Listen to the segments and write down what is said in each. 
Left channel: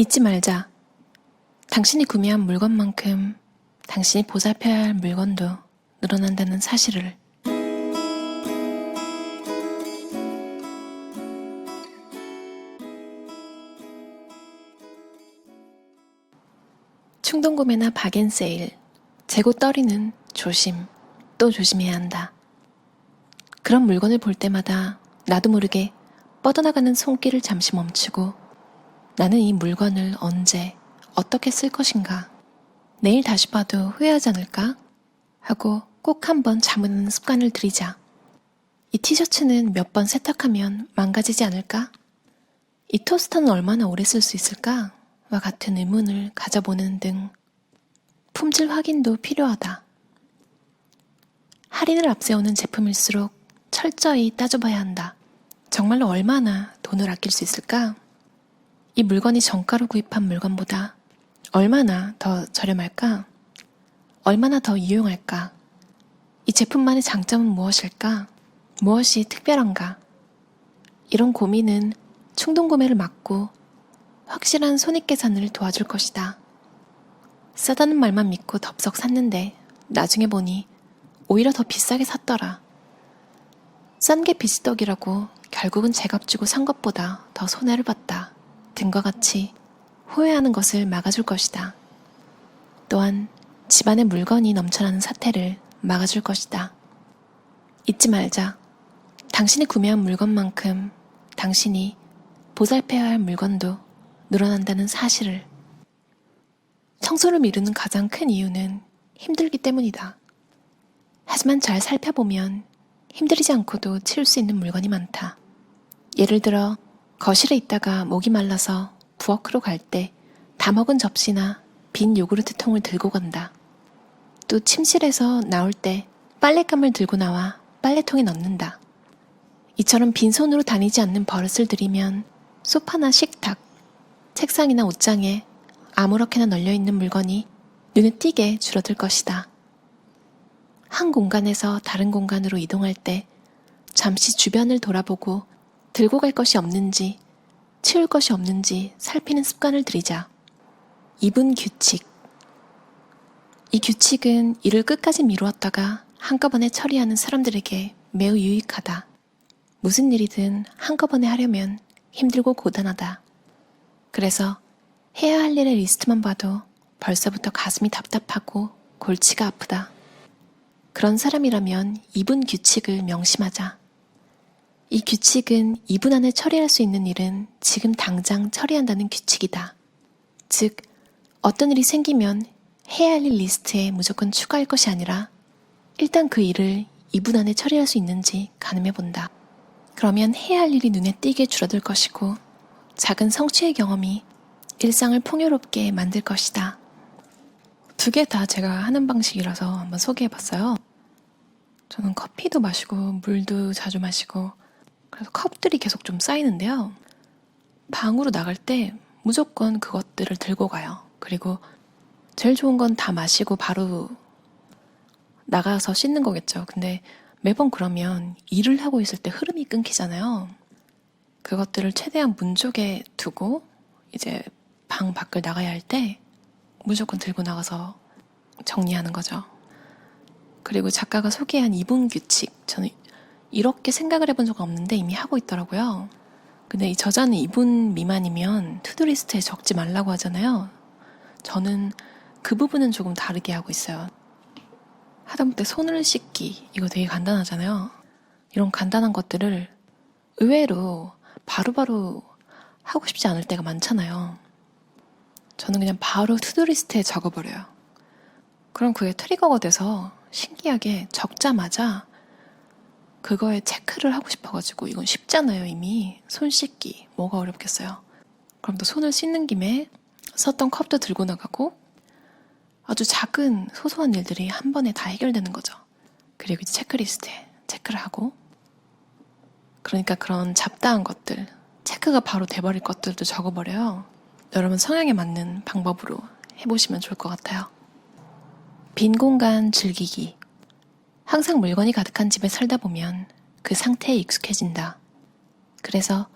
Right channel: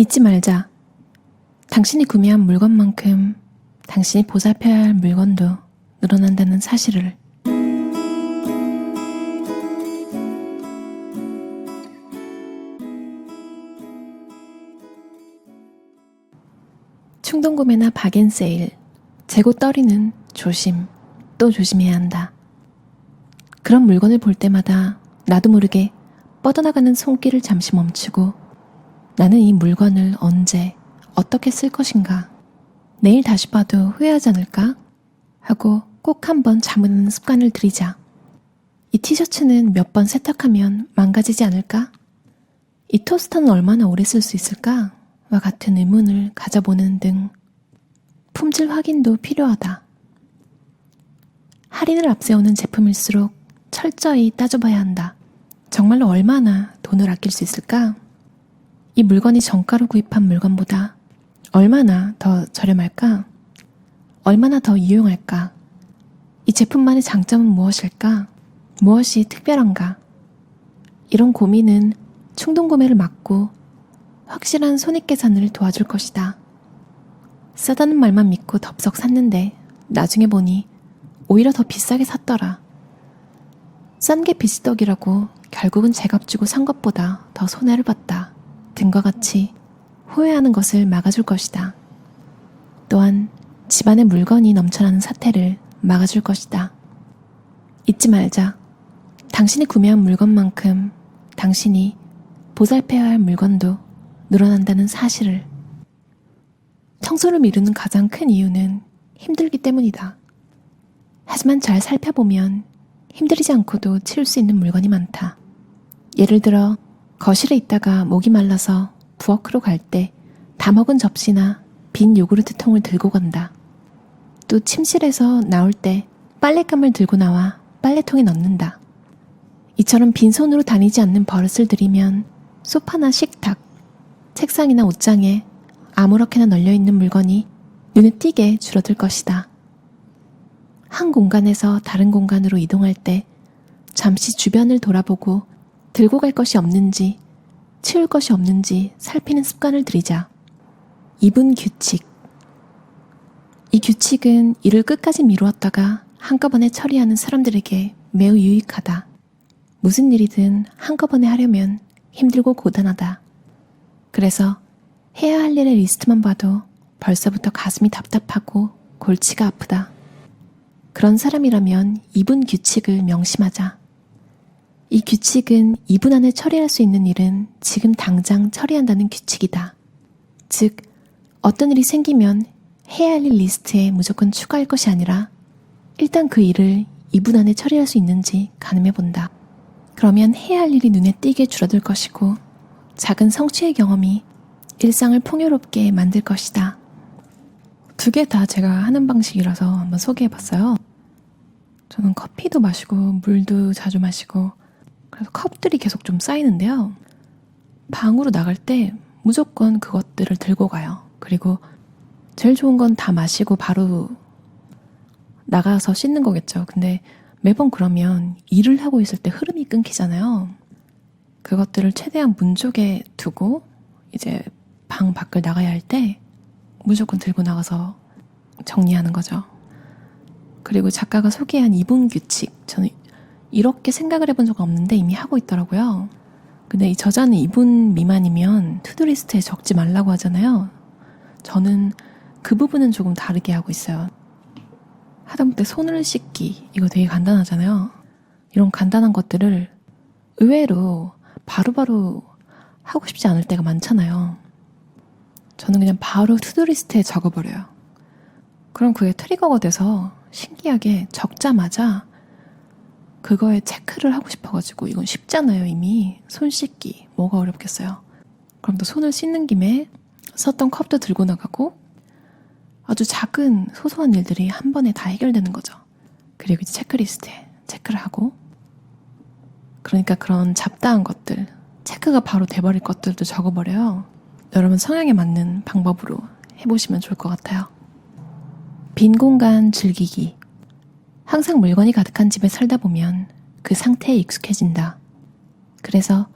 잊지 말자. 당신이 구매한 물건만큼 당신이 보살펴야 할 물건도 늘어난다는 사실을. 충동구매나 박앤세일, 재고 떨이는 조심, 또 조심해야 한다. 그런 물건을 볼 때마다 나도 모르게 뻗어나가는 손길을 잠시 멈추고 나는 이 물건을 언제, 어떻게 쓸 것인가, 내일 다시 봐도 후회하지 않을까? 하고 꼭 한번 잠은 습관을 들이자. 이 티셔츠는 몇 번 세탁하면 망가지지 않을까? 이 토스터는 얼마나 오래 쓸 수 있을까? 와 같은 의문을 가져보는 등 품질 확인도 필요하다. 할인을 앞세우는 제품일수록 철저히 따져봐야 한다. 정말로 얼마나 돈을 아낄 수 있을까? 이 물건이 정가로 구입한 물건보다 얼마나 더 저렴할까? 얼마나 더 유용할까? 이 제품만의 장점은 무엇일까? 무엇이 특별한가? 이런 고민은 충동구매를 막고 확실한 손익계산을 도와줄 것이다. 싸다는 말만 믿고 덥석 샀는데 나중에 보니 오히려 더 비싸게 샀더라. 싼 게 비지떡이라고 결국은 제값 주고 산 것보다 더 손해를 봤다 등과 같이 후회하는 것을 막아줄 것이다. 또한 집안에 물건이 넘쳐나는 사태를 막아줄 것이다. 잊지 말자. 당신이 구매한 물건만큼 당신이 보살펴야 할 물건도 늘어난다는 사실을. 청소를 미루는 가장 큰 이유는 힘들기 때문이다. 하지만 잘 살펴보면 힘들이지 않고도 치울 수 있는 물건이 많다. 예를 들어 거실에 있다가 목이 말라서 부엌으로 갈 때 다 먹은 접시나 빈 요구르트 통을 들고 간다. 또 침실에서 나올 때 빨랫감을 들고 나와 빨래통에 넣는다. 이처럼 빈손으로 다니지 않는 버릇을 들이면 소파나 식탁, 책상이나 옷장에 아무렇게나 널려있는 물건이 눈에 띄게 줄어들 것이다. 한 공간에서 다른 공간으로 이동할 때 잠시 주변을 돌아보고 들고 갈 것이 없는지, 치울 것이 없는지 살피는 습관을 들이자. 2분 규칙. 이 규칙은 일을 끝까지 미루었다가 한꺼번에 처리하는 사람들에게 매우 유익하다. 무슨 일이든 한꺼번에 하려면 힘들고 고단하다. 그래서 해야 할 일의 리스트만 봐도 벌써부터 가슴이 답답하고 골치가 아프다. 그런 사람이라면 2분 규칙을 명심하자. 이 규칙은 2분 안에 처리할 수 있는 일은 지금 당장 처리한다는 규칙이다. 즉, 어떤 일이 생기면 해야 할 일 리스트에 무조건 추가할 것이 아니라 일단 그 일을 2분 안에 처리할 수 있는지 가늠해 본다. 그러면 해야 할 일이 눈에 띄게 줄어들 것이고 작은 성취의 경험이 일상을 풍요롭게 만들 것이다. 두 개 다 제가 하는 방식이라서 한번 소개해봤어요. 저는 커피도 마시고 물도 자주 마시고 그래서 컵들이 계속 좀 쌓이는데요. 방으로 나갈 때 무조건 그것들을 들고 가요. 그리고 제일 좋은 건 다 마시고 바로 나가서 씻는 거겠죠. 근데 매번 그러면 일을 하고 있을 때 흐름이 끊기잖아요. 그것들을 최대한 문 쪽에 두고 이제 방 밖을 나가야 할 때 무조건 들고 나가서 정리하는 거죠. 그리고 작가가 소개한 2분 규칙, 저는 이렇게 생각을 해본 적 없는데 이미 하고 있더라고요. 근데 이 저자는 2분 미만이면 투두리스트에 적지 말라고 하잖아요. 저는 그 부분은 조금 다르게 하고 있어요. 하다못해 손을 씻기, 이거 되게 간단하잖아요. 이런 간단한 것들을 의외로 바로바로 하고 싶지 않을 때가 많잖아요. 저는 그냥 바로 투두리스트에 적어버려요. 그럼 그게 트리거가 돼서 신기하게 적자마자 그거에 체크를 하고 싶어가지고 이건 쉽잖아요. 이미 손 씻기 뭐가 어렵겠어요. 그럼 또 손을 씻는 김에 썼던 컵도 들고 나가고 아주 작은 소소한 일들이 한 번에 다 해결되는 거죠. 그리고 이제 체크리스트에 체크를 하고, 그러니까 그런 잡다한 것들, 체크가 바로 돼버릴 것들도 적어버려요. 여러분 성향에 맞는 방법으로 해보시면 좋을 것 같아요. 빈 공간 즐기기. 항상 물건이 가득한 집에 살다 보면 그 상태에 익숙해진다. 그래서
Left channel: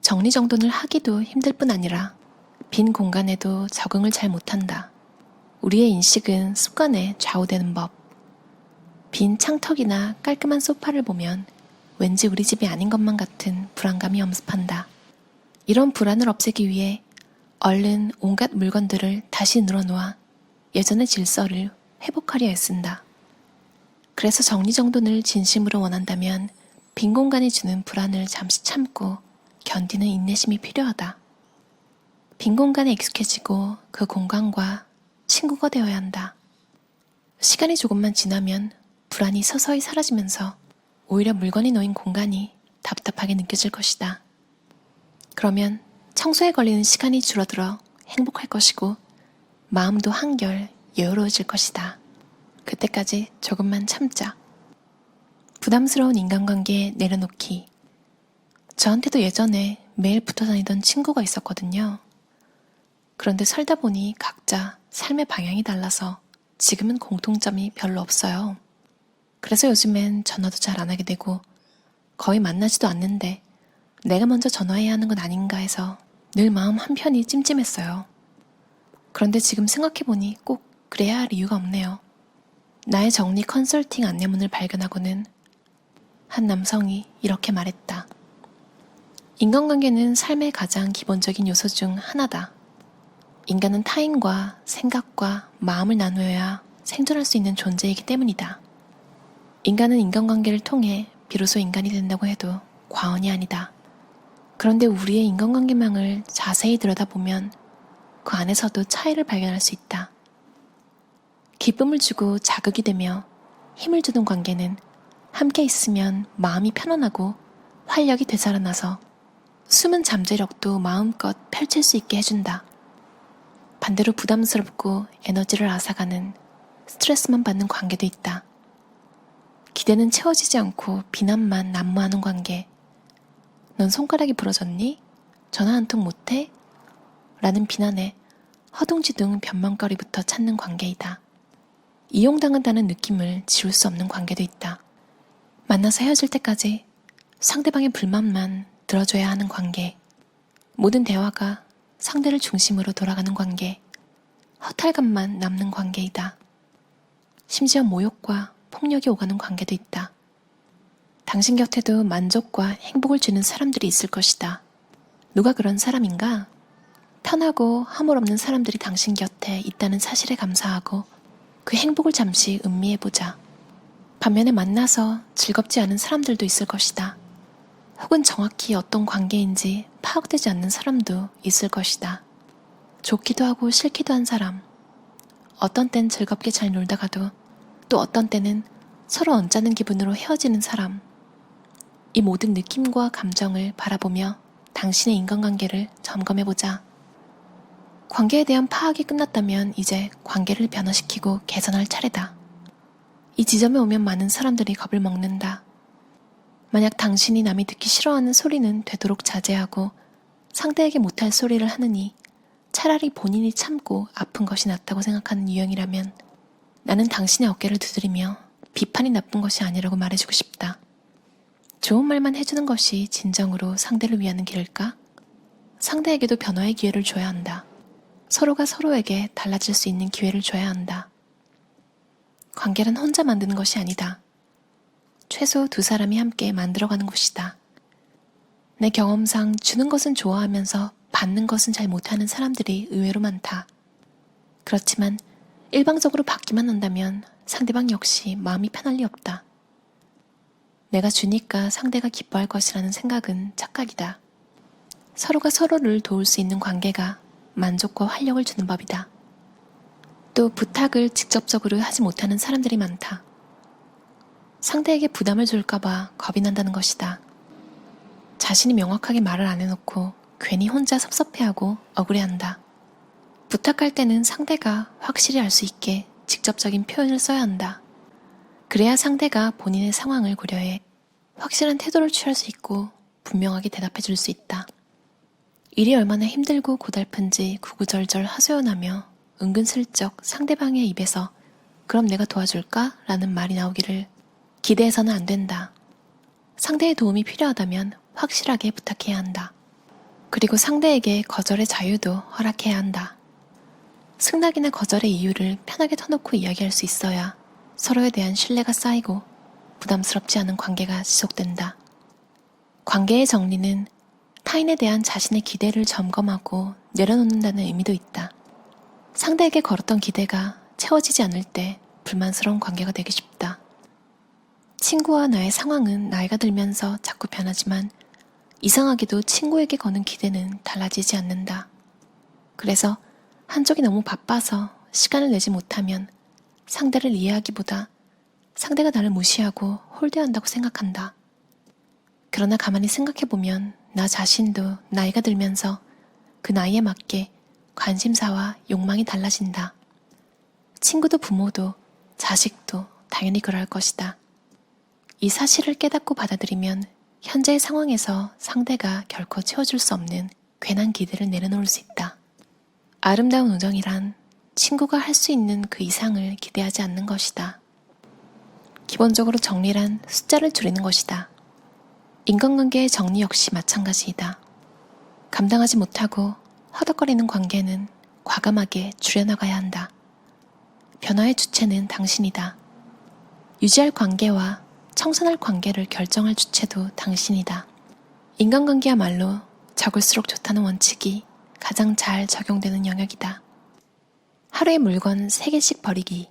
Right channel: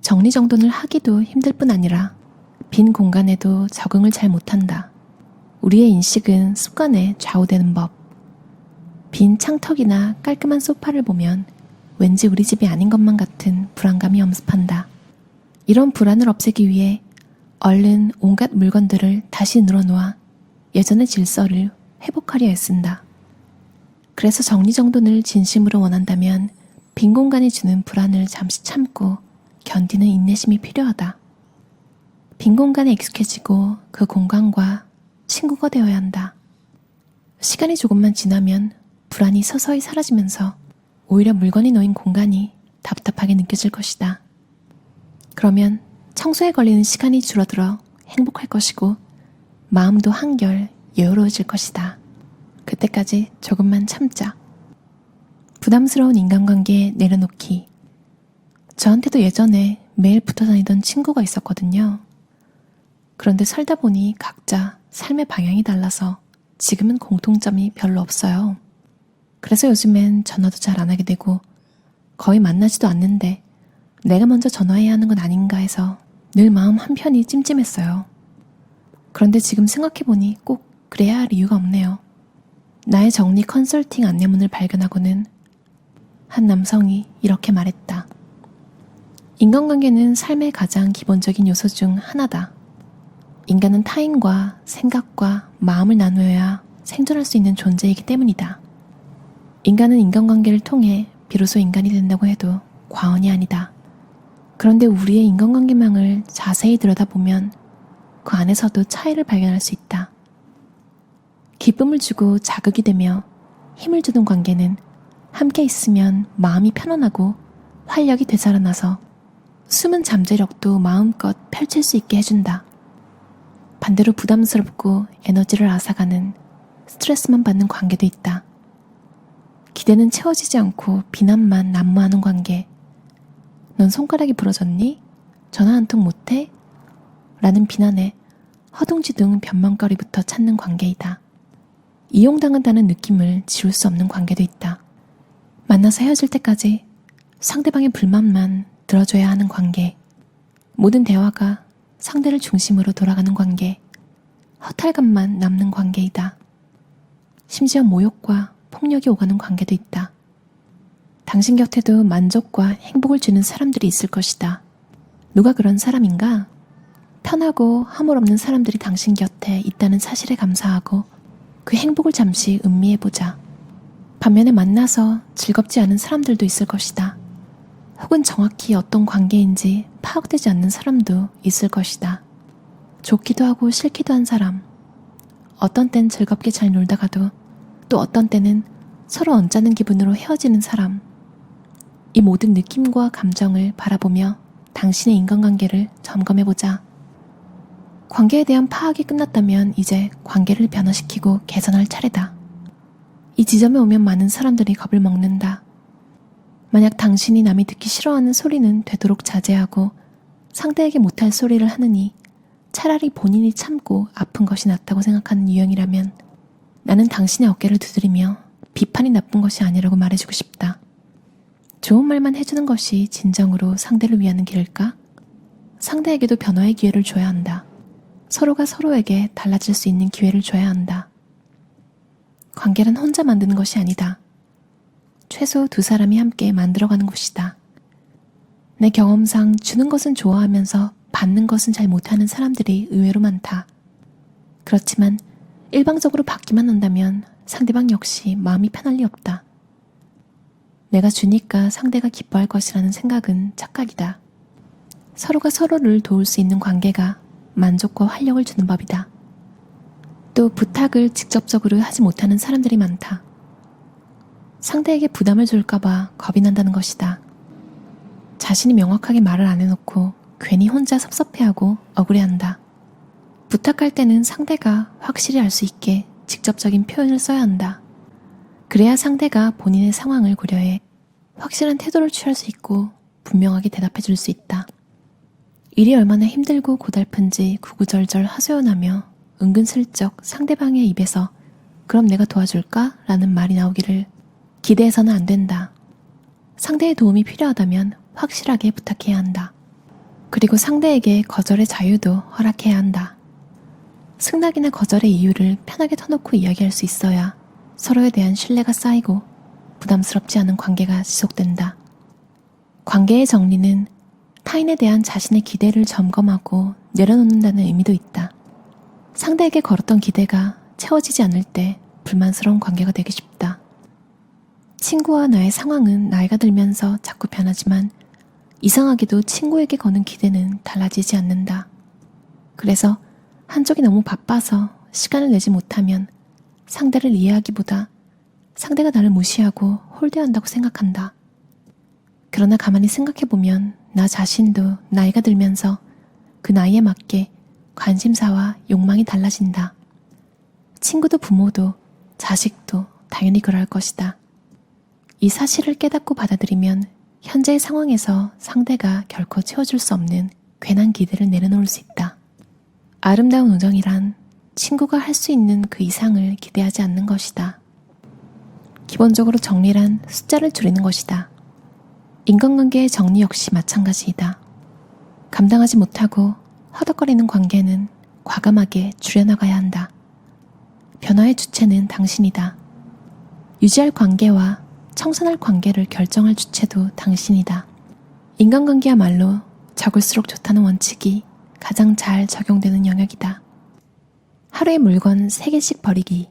정리정돈을 하기도 힘들 뿐 아니라 빈 공간에도 적응을 잘 못한다. 우리의 인식은 습관에 좌우되는 법. 빈 창턱이나 깔끔한 소파를 보면 왠지 우리 집이 아닌 것만 같은 불안감이 엄습한다. 이런 불안을 없애기 위해 얼른 온갖 물건들을 다시 늘어놓아 예전의 질서를 회복하려 애쓴다. 그래서 정리정돈을 진심으로 원한다면 빈 공간이 주는 불안을 잠시 참고 견디는 인내심이 필요하다. 빈 공간에 익숙해지고 그 공간과 친구가 되어야 한다. 시간이 조금만 지나면 불안이 서서히 사라지면서 오히려 물건이 놓인 공간이 답답하게 느껴질 것이다. 그러면 청소에 걸리는 시간이 줄어들어 행복할 것이고 마음도 한결 여유로워질 것이다. 그때까지 조금만 참자. 부담스러운 인간관계 내려놓기. 저한테도 예전에 매일 붙어 다니던 친구가 있었거든요. 그런데 살다 보니 각자 삶의 방향이 달라서 지금은 공통점이 별로 없어요. 그래서 요즘엔 전화도 잘 안 하게 되고 거의 만나지도 않는데 내가 먼저 전화해야 하는 건 아닌가 해서 늘 마음 한편이 찜찜했어요. 그런데 지금 생각해보니 꼭 그래야 할 이유가 없네요. 나의 정리 컨설팅 안내문을 발견하고는 한 남성이 이렇게 말했다. 인간관계는 삶의 가장 기본적인 요소 중 하나다. 인간은 타인과 생각과 마음을 나누어야 생존할 수 있는 존재이기 때문이다. 인간은 인간관계를 통해 비로소 인간이 된다고 해도 과언이 아니다. 그런데 우리의 인간관계망을 자세히 들여다보면 그 안에서도 차이를 발견할 수 있다. 기쁨을 주고 자극이 되며 힘을 주는 관계는 함께 있으면 마음이 편안하고 활력이 되살아나서 숨은 잠재력도 마음껏 펼칠 수 있게 해준다. 반대로 부담스럽고 에너지를 앗아가는 스트레스만 받는 관계도 있다. 기대는 채워지지 않고 비난만 난무하는 관계. 넌 손가락이 부러졌니? 전화 한 통 못해? 라는 비난에 허둥지둥 변명거리부터 찾는 관계이다. 이용당한다는 느낌을 지울 수 없는 관계도 있다. 만나서 헤어질 때까지 상대방의 불만만 들어줘야 하는 관계. 모든 대화가 상대를 중심으로 돌아가는 관계. 허탈감만 남는 관계이다. 심지어 모욕과 폭력이 오가는 관계도 있다. 당신 곁에도 만족과 행복을 주는 사람들이 있을 것이다. 누가 그런 사람인가? 편하고 허물 없는 사람들이 당신 곁에 있다는 사실에 감사하고 그 행복을 잠시 음미해보자. 반면에 만나서 즐겁지 않은 사람들도 있을 것이다. 혹은 정확히 어떤 관계인지 파악되지 않는 사람도 있을 것이다. 좋기도 하고 싫기도 한 사람. 어떤 땐 즐겁게 잘 놀다가도 또 어떤 때는 서로 언짢은 기분으로 헤어지는 사람. 이 모든 느낌과 감정을 바라보며 당신의 인간관계를 점검해보자. 관계에 대한 파악이 끝났다면 이제 관계를 변화시키고 개선할 차례다. 이 지점에 오면 많은 사람들이 겁을 먹는다. 만약 당신이 남이 듣기 싫어하는 소리는 되도록 자제하고 상대에게 못할 소리를 하느니 차라리 본인이 참고 아픈 것이 낫다고 생각하는 유형이라면 나는 당신의 어깨를 두드리며 비판이 나쁜 것이 아니라고 말해주고 싶다. 좋은 말만 해주는 것이 진정으로 상대를 위하는 길일까? 상대에게도 변화의 기회를 줘야 한다. 서로가 서로에게 달라질 수 있는 기회를 줘야 한다. 관계는 혼자 만드는 것이 아니다. 최소 두 사람이 함께 만들어가는 곳이다. 내 경험상 주는 것은 좋아하면서 받는 것은 잘 못하는 사람들이 의외로 많다. 그렇지만 일방적으로 받기만 한다면 상대방 역시 마음이 편할 리 없다. 내가 주니까 상대가 기뻐할 것이라는 생각은 착각이다. 서로가 서로를 도울 수 있는 관계가 만족과 활력을 주는 법이다. 또 부탁을 직접적으로 하지 못하는 사람들이 많다. 상대에게 부담을 줄까봐 겁이 난다는 것이다. 자신이 명확하게 말을 안 해놓고 괜히 혼자 섭섭해하고 억울해한다. 부탁할 때는 상대가 확실히 알 수 있게 직접적인 표현을 써야 한다. 그래야 상대가 본인의 상황을 고려해 확실한 태도를 취할 수 있고 분명하게 대답해 줄 수 있다. 일이 얼마나 힘들고 고달픈지 구구절절 하소연하며 은근슬쩍 상대방의 입에서 그럼 내가 도와줄까? 라는 말이 나오기를 기대해서는 안 된다. 상대의 도움이 필요하다면 확실하게 부탁해야 한다. 그리고 상대에게 거절의 자유도 허락해야 한다. 승낙이나 거절의 이유를 편하게 터놓고 이야기할 수 있어야 서로에 대한 신뢰가 쌓이고 부담스럽지 않은 관계가 지속된다. 관계의 정리는 타인에 대한 자신의 기대를 점검하고 내려놓는다는 의미도 있다. 상대에게 걸었던 기대가 채워지지 않을 때 불만스러운 관계가 되기 쉽다. 친구와 나의 상황은 나이가 들면서 자꾸 변하지만 이상하게도 친구에게 거는 기대는 달라지지 않는다. 그래서 한쪽이 너무 바빠서 시간을 내지 못하면 상대를 이해하기보다 상대가 나를 무시하고 홀대한다고 생각한다. 그러나 가만히 생각해보면 나 자신도 나이가 들면서 그 나이에 맞게 관심사와 욕망이 달라진다. 친구도 부모도 자식도 당연히 그럴 것이다. 이 사실을 깨닫고 받아들이면 현재의 상황에서 상대가 결코 채워줄 수 없는 괜한 기대를 내려놓을 수 있다. 아름다운 우정이란 친구가 할 수 있는 그 이상을 기대하지 않는 것이다. 기본적으로 정리란 숫자를 줄이는 것이다. 인간관계의 정리 역시 마찬가지이다. 감당하지 못하고 허덕거리는 관계는 과감하게 줄여나가야 한다. 변화의 주체는 당신이다. 유지할 관계와 청산할 관계를 결정할 주체도 당신이다. 인간관계야말로 적을수록 좋다는 원칙이 가장 잘 적용되는 영역이다. 하루에 물건 3개씩 버리기.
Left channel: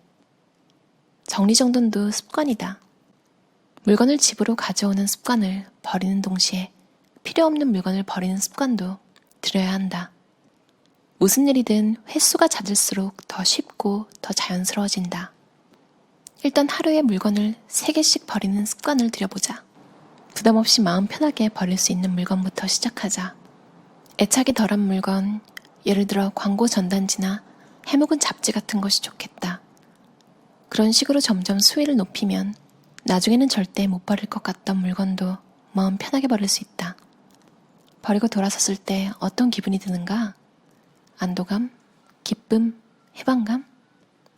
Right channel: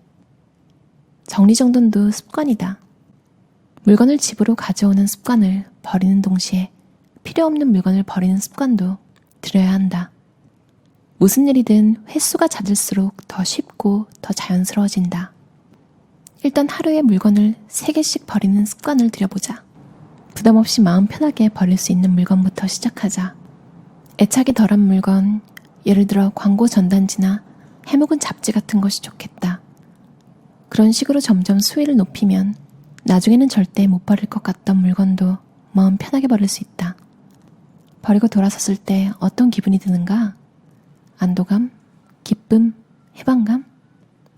정리정돈도 습관이다. 물건을 집으로 가져오는 습관을 버리는 동시에 필요 없는 물건을 버리는 습관도 들여야 한다. 무슨 일이든 횟수가 잦을수록 더 쉽고 더 자연스러워진다. 일단 하루에 물건을 3개씩 버리는 습관을 들여보자. 부담 없이 마음 편하게 버릴 수 있는 물건부터 시작하자. 애착이 덜한 물건, 예를 들어 광고 전단지나 해묵은 잡지 같은 것이 좋겠다. 그런 식으로 점점 수위를 높이면 나중에는 절대 못 버릴 것 같던 물건도 마음 편하게 버릴 수 있다. 버리고 돌아섰을 때 어떤 기분이 드는가? 안도감? 기쁨? 해방감?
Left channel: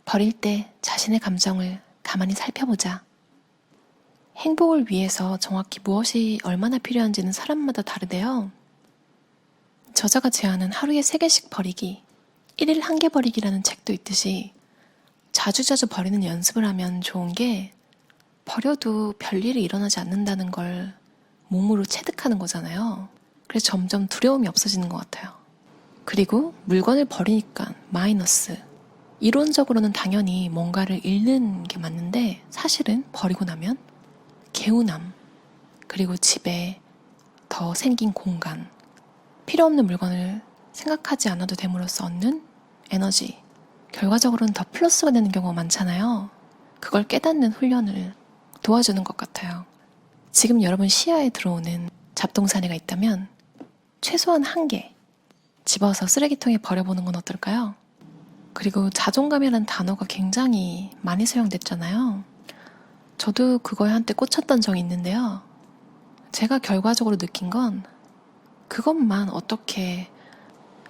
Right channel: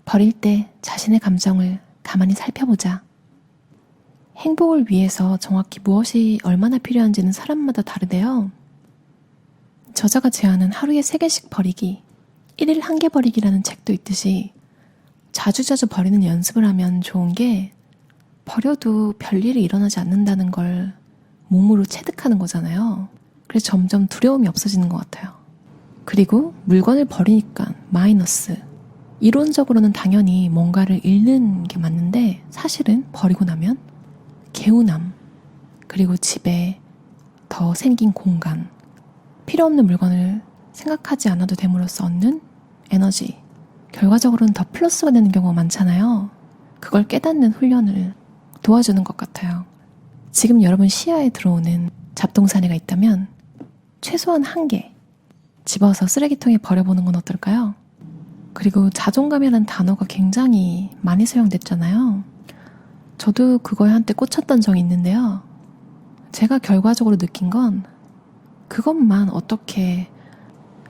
버릴 때 자신의 감정을 가만히 살펴보자. 행복을 위해서 정확히 무엇이 얼마나 필요한지는 사람마다 다르대요. 저자가 제안한 하루에 3개씩 버리기, 1일 1개 버리기라는 책도 있듯이 자주자주 버리는 연습을 하면 좋은 게 버려도 별일이 일어나지 않는다는 걸 몸으로 체득하는 거잖아요. 그래서 점점 두려움이 없어지는 것 같아요. 그리고 물건을 버리니까 마이너스. 이론적으로는 당연히 뭔가를 잃는 게 맞는데 사실은 버리고 나면 개운함, 그리고 집에 더 생긴 공간, 필요 없는 물건을 생각하지 않아도 됨으로써 얻는 에너지, 결과적으로는 더 플러스가 되는 경우가 많잖아요. 그걸 깨닫는 훈련을 도와주는 것 같아요. 지금 여러분 시야에 들어오는 잡동사니가 있다면 최소한 1개 집어서 쓰레기통에 버려보는 건 어떨까요? 그리고 자존감이라는 단어가 굉장히 많이 사용됐잖아요. 저도 그거에 한때 꽂혔던 적이 있는데요. 제가 결과적으로 느낀 건 그것만 어떻게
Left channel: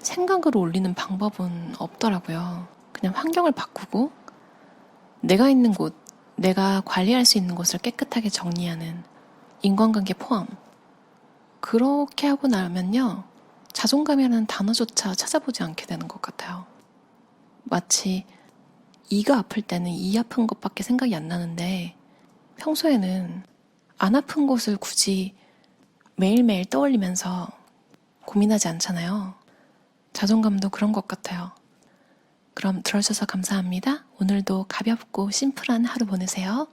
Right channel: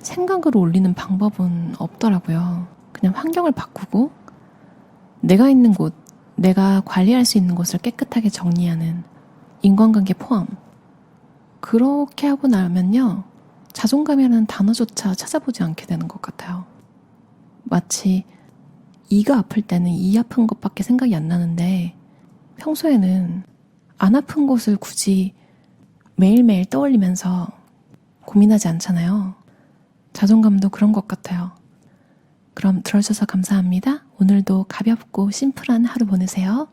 생각으로 올리는 방법은 없더라고요. 그냥 환경을 바꾸고 내가 있는 곳, 내가 관리할 수 있는 곳을 깨끗하게 정리하는 인간관계 포함. 그렇게 하고 나면요. 자존감이라는 단어조차 찾아보지 않게 되는 것 같아요. 마치 이가 아플 때는 이 아픈 것밖에 생각이 안 나는데 평소에는 안 아픈 곳을 굳이 매일매일 떠올리면서 고민하지 않잖아요. 자존감도 그런 것 같아요. 그럼 들어주셔서 감사합니다. 오늘도 가볍고 심플한 하루 보내세요.